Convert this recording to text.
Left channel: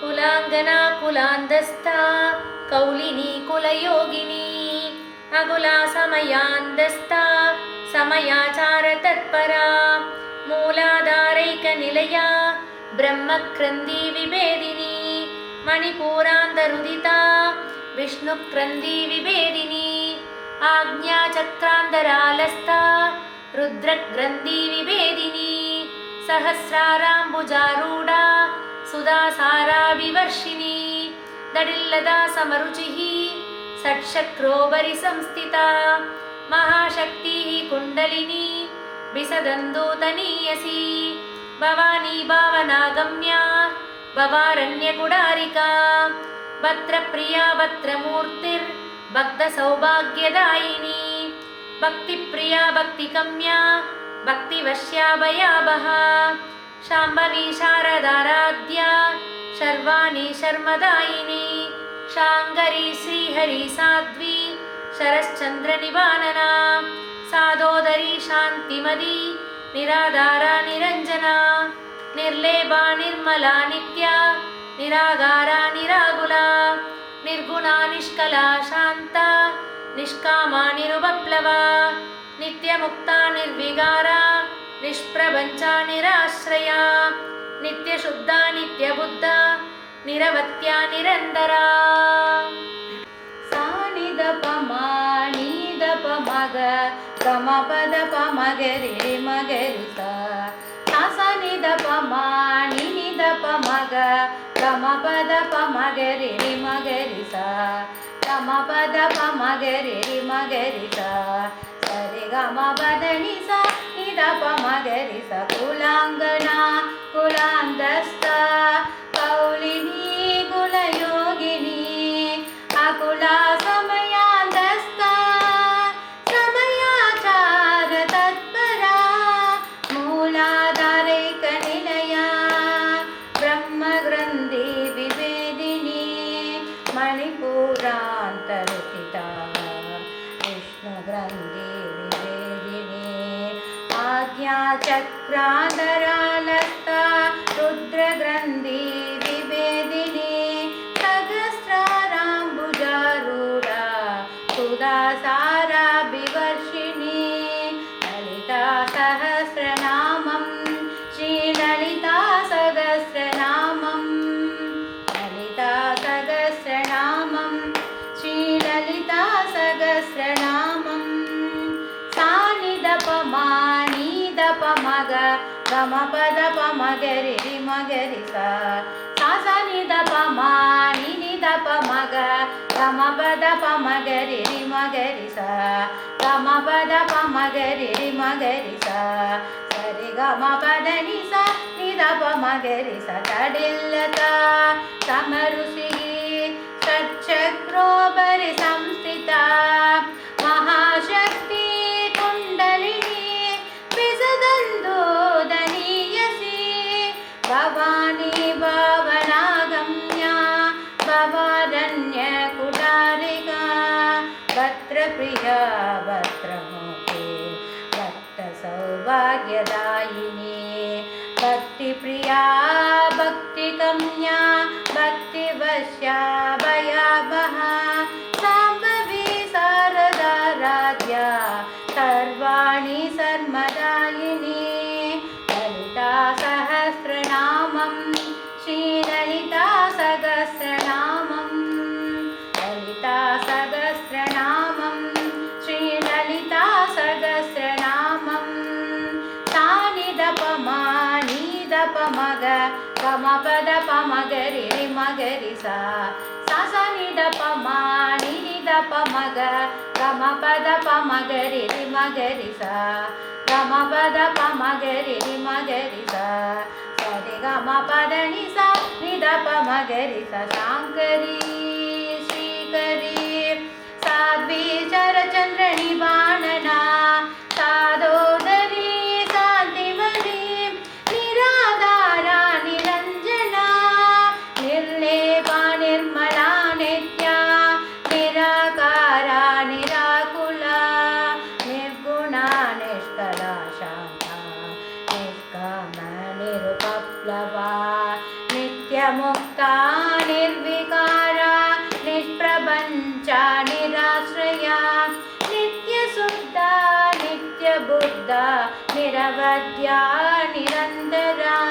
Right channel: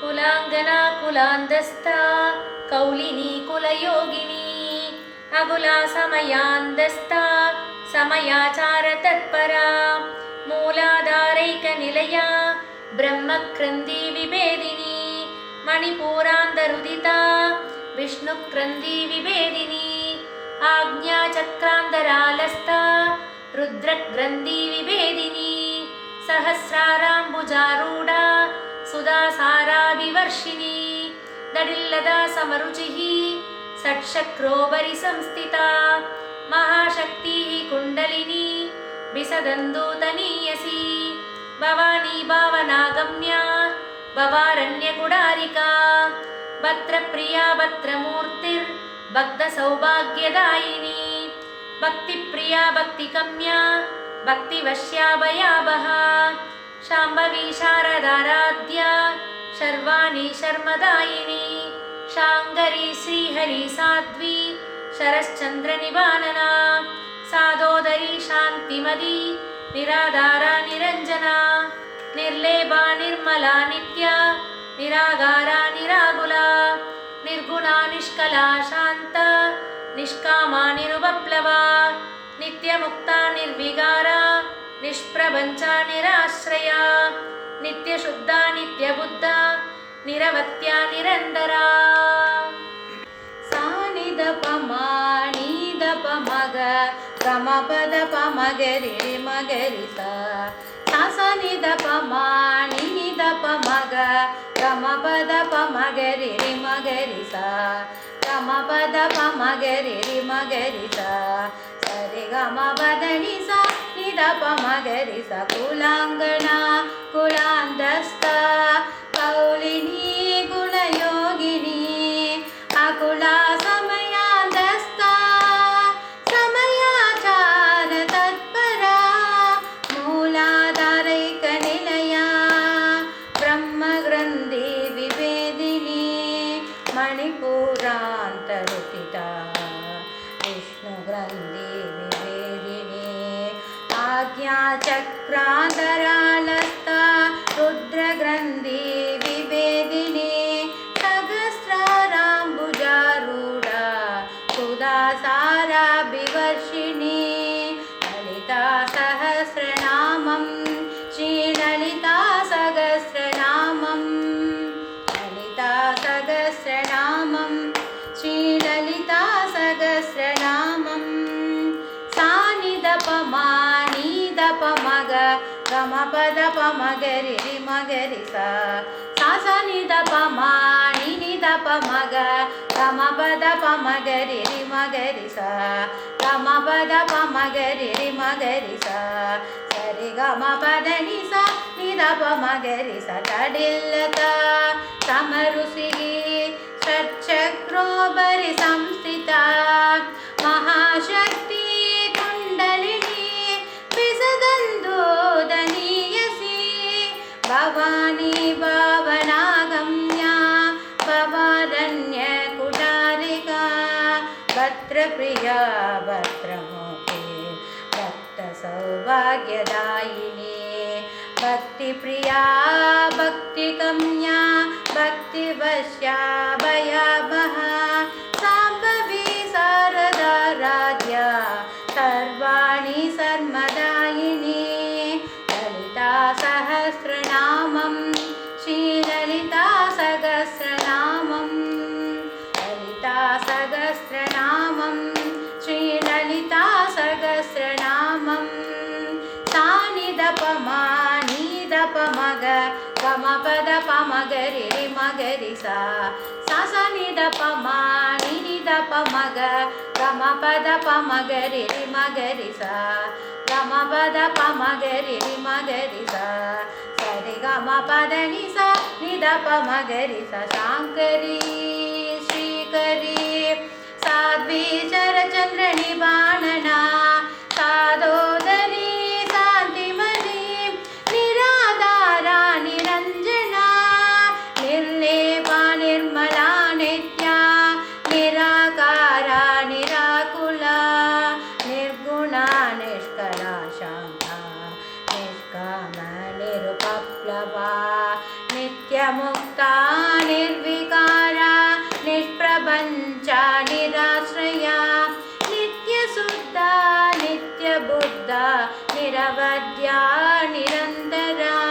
कुलाङ्गना कुलान्दस्था कौलिनी कुलयोगिनी अकुला समयान्दस्था समयाचारतत्परा मूलाधारैकनिलया ब्रह्मक्रन्दी विभेदिनी मणिपूरान्तरुदिता विष्णुक्रन्दी विभेदिनी आज्ञाचक्रान्तरालस्था रुद्रग्रन्थी विभेदिनी सहस्राराम्बुजारूढा सुधासाराभिवर्षिणी दडिल्लदा समरुचिः षट्चक्रोपरि संस्थिता महाशक्तिः कुण्डलिनी विसदन्दूतनीयसी भवानी भावनागम्या भवारण्यकुडारिका भद्रप्रिया भद्रमूर्तिर्भक्तसौभाग्यदायिनी भक्तिप्रिया भक्तिगम्या भक्तिवश्या भयावहा शाम्भवी शारदाराध्या शर्वाणी शर्मदायिनी शाङ्करी श्रीहरि साध्वी शरश्चन्द्रनिवानना सादोदरी शान्तिमदी निराधारा निरञ्जना निर्लेपा निर्मला नित्या निरागारा निराकुला निर्गुणा निष्कला शान्ता निष्कामा निरुपप्लवा नित्यमुक्ता निर्विकारा निष्प्रपञ्चा निराश्रया नित्यशुद्धा नित्यबुद्धा निरवत्या निरन्तरा सानिदपमा नीदपमग गमपदपमगरि मगरि सानिदपमा नीदपमग गमपदपमगरि मगरि गमपदपमगरि मगरि सरि गमपदनि सा निदपमगरि स कुलाङ्गना कुलान्दस्था कौलिनी कुलयोगिनी अकुला समयान्दस्था समयाचार तत्परा मूलाधारैकनिलया ब्रह्मग्रन्थि विभेदिनी मणिपूरान्तरुदिता विष्णुग्रन्थि विभेदिनी आज्ञाचक्रान्तरालस्था रुद्रग्रन्थि विभेदिनी सहस्राराम्बुजारूढा सुधासाराभिवर्षिणी ललिता सहस्रनामं श्रीललिता सहस्रनामं ललिता सहस्रनामं श्रीललिता सहस्रनामं सानिदपमा नीदपमग गमपदपमगरि मगरि सानिदपमा नीदपमग गमपदपमगरि मगरि गमपदपमगरि मगरि सरि गमपदनि सा निदपमगरि तडिल्लता समरुचिः षट्चक्रोपरि संस्थिता महाशक्ति कुण्डलिनी विसदन्दूतनीयसी भवानी भावनागम्या भवारण्यकुडारिका भद्रप्रिया भद्रमूर्ति भक्तसौभाग्यदायिनी भक्तिप्रिया भक्तिगम्या भक्तिवश्या भयावहा शाम्भवी शारदाराध्या सर्वाणि सर्वदायिनी ललिता सहस्रनामं श्रीललिता सहस्रनामं ललिता सहस्रनामं श्रीललिता सहस्रनामं सानिदपमा नीदपमग गमपदपमगरि मगरि सानिदपमा नीदपमग गमपदपमगरि मगरि गमपदपमगरि मगरि सरि गमपदनि सा निदपमगरि शाङ्करी श्रीकरी साध्वी शरचन्द्रनिवानना सादोदरी शान्तिमती निराधारा निरञ्जना निर्लेपा निर्मला नित्या निराकारा निराकुला निर्गुणा निष्कला शान्ता निष्कामा निरुपप्लवा नित्या नित्यमुक्ता निर्विकारा निष्प्रपञ्चा निराश्रया नित्यशुद्धा नित्यबुद्धा निरवध्या निरन्तरा